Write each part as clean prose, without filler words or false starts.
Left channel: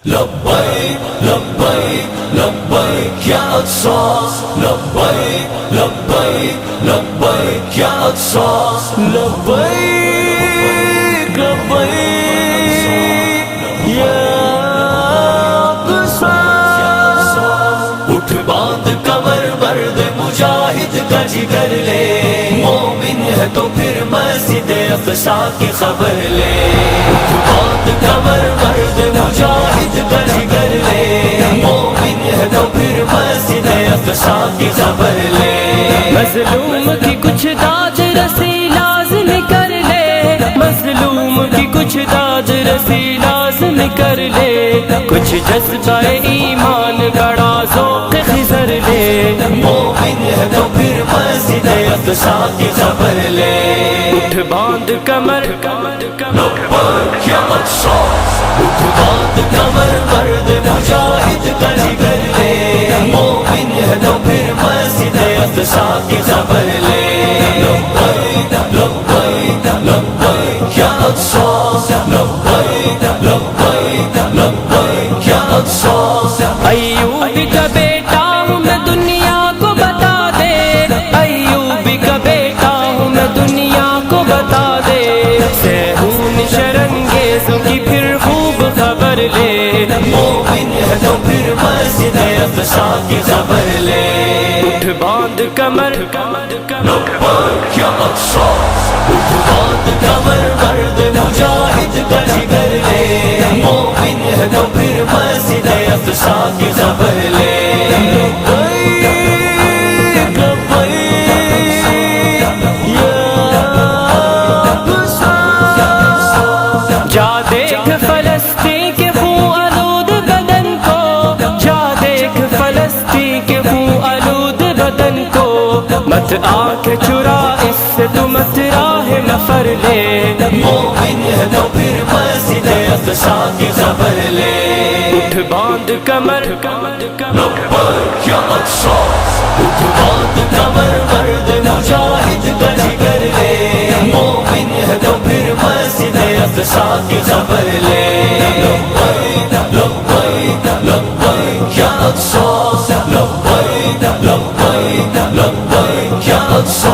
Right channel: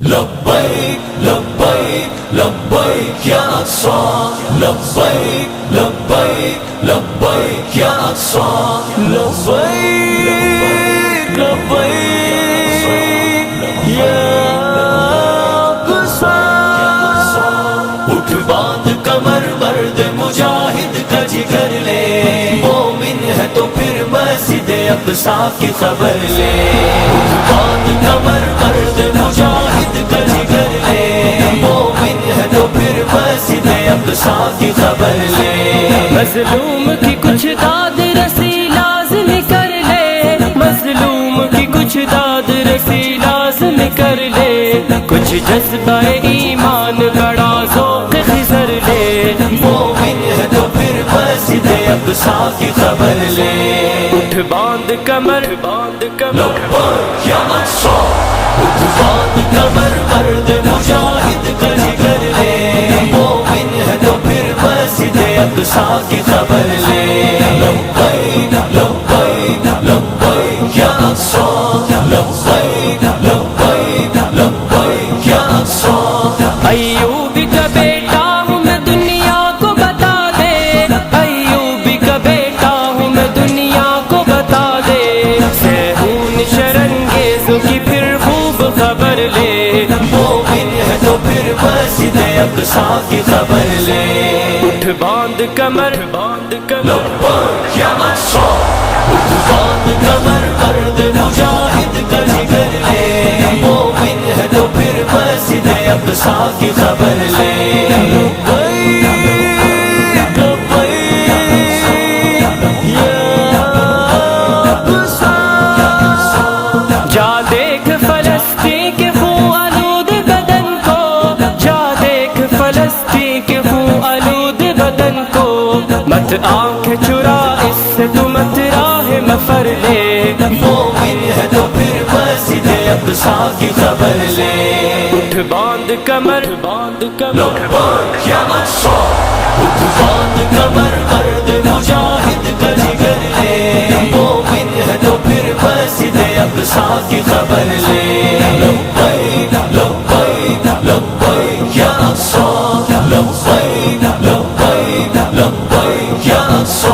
لبیک لبیک لبیک یا اقصی لبیک لبیک لبیک یا اقصی لبیک لبیک یا اقصی اٹھ باندھ کمر مرد مجاہد کا جگر لے مومن ہے تو پھر مسجد اقصی کی خبر لے اٹھ باندھ کمر مرد مجاہد کا جگر لے مومن ہے تو پھر مسجد اقصی کی خبر لے مظلوم کی کچھ داد رسی لازم کر لے مظلوم کی کچھ داد رسی لازم کر لے کچھ جذبہ ایمان بڑا ذوق خضر لے مومن ہے تو پھر مسجد اقصی کی خبر لے اٹھ باندھ کمر باندھ کمر یا اقصی اٹھ باندھ کمر مرد مجاہد کا جگر لے مومن ہے تو پھر مسجد اقصی کی خبر لے لبیک لبیک لبیک یا اقصی لبیک لبیک لبیک یا اقصی ایوب کا بیٹا ہوں میں دنیا کو بتا دے ایوب کا بیٹا ہوں میں دنیا کو بتا دے سہون شرنگیزوں کی پھر خوب خبر لے مومن ہے تو پھر مسجد اقصی کی خبر لے اٹھ باندھ کمر باندھ کمر یا اقصی اٹھ باندھ کمر مرد مجاہد کا جگر لے مومن ہے تو پھر مسجد اقصی کی خبر لے لبیک لبیک یا اقصی جا دیکھ فلسطین کے خون آلود بدن کو جا دیکھ فلسطین کے خون آلود بدن کو مت آنکھ چرا اس سے تو مت راہ مفر لے مومن ہے تو پھر مسجد اقصی کی خبر لے اٹھ باندھ کمر باندھ کمر یا اقصی اٹھ باندھ کمر مرد مجاہد کا جگر لے مومن ہے تو پھر مسجد اقصی کی خبر لے لبیک لبیک لبیک یا اقصی لبیک لبیک لبیک یا اقصی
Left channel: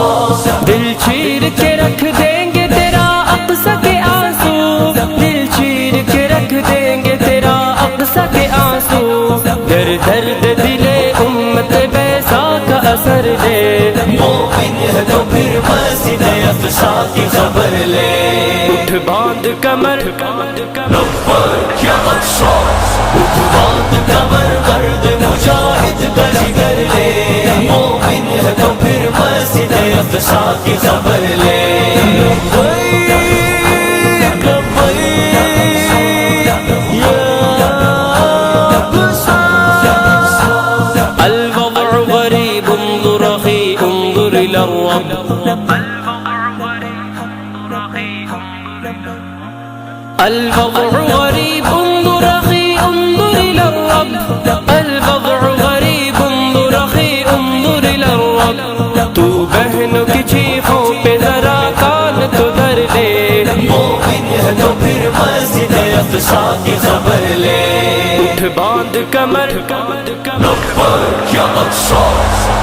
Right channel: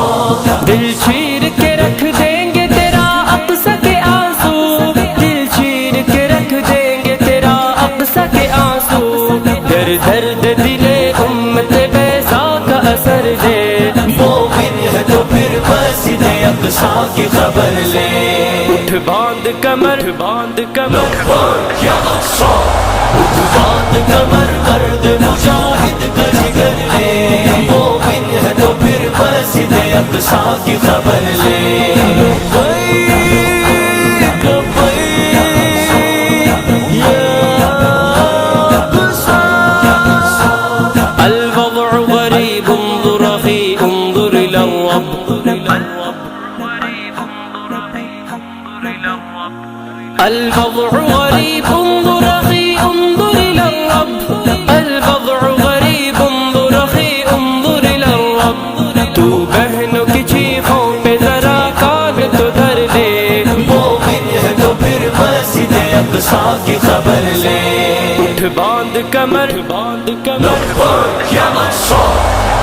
دل چیر کے رکھ دیں گے تیرا اقصی کے آنسو دل چیر کے رکھ دیں گے تیرا اقصی کے آنسو در درد دل امت بیضا کا اثر لے مومن ہے تو پھر مسجد اقصی کی خبر لے اٹھ باندھ کمر باندھ کمر یا اقصی اٹھ باندھ کمر مرد مجاہد کا جگر لے مومن ہے تو پھر مسجد اقصی کی خبر لے لبیک لبیک یا اقصی الوضع غریب انظر اخی انظر الى الرب الوضع غریب انظر اخی انظر الى الرب الوضع غریب انظر اخی انظر الى الرب تو بہنوں کی چیخوں پہ ذرا کان تو دھر لے مومن ہے تو پھر مسجد اقصی کی خبر لے اٹھ باندھ کمر باندھ کمر یا اقصی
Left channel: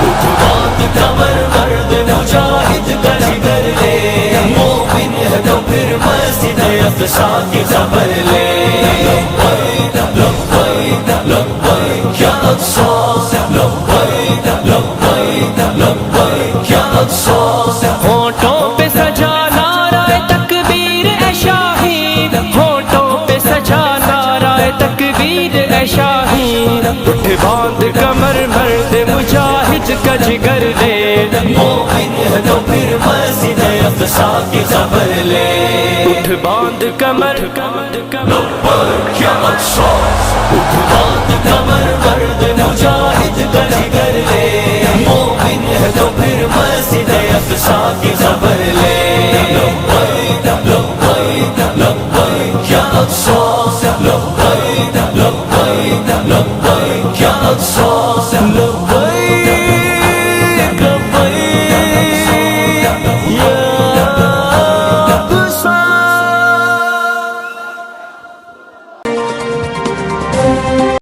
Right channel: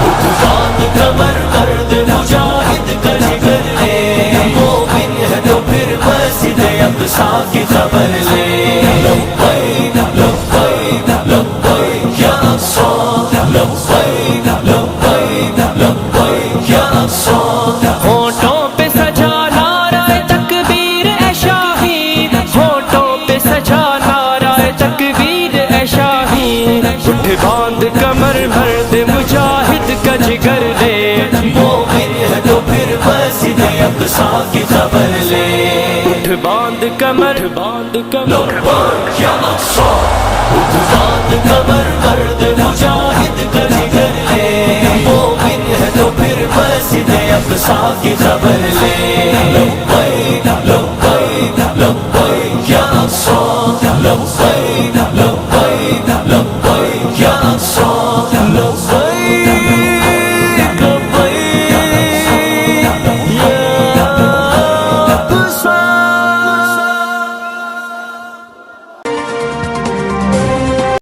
اٹھ باندھ کمر مرد مجاہد کا جگر لے مومن ہے تو پھر مسجد اقصی کی خبر لے لبیک لبیک لبیک یا اقصی لبیک لبیک لبیک یا اقصی ہونٹوں پہ سجا نعرہ تکبیر اے شاہی ہونٹوں پہ سجا نعرہ تکبیر اے شاہی اٹھ باندھ کمر مرد مجاہد کا جگر لے مومن ہے تو پھر مسجد اقصی کی خبر لے اٹھ باندھ کمر باندھ کمر یا اقصی اٹھ باندھ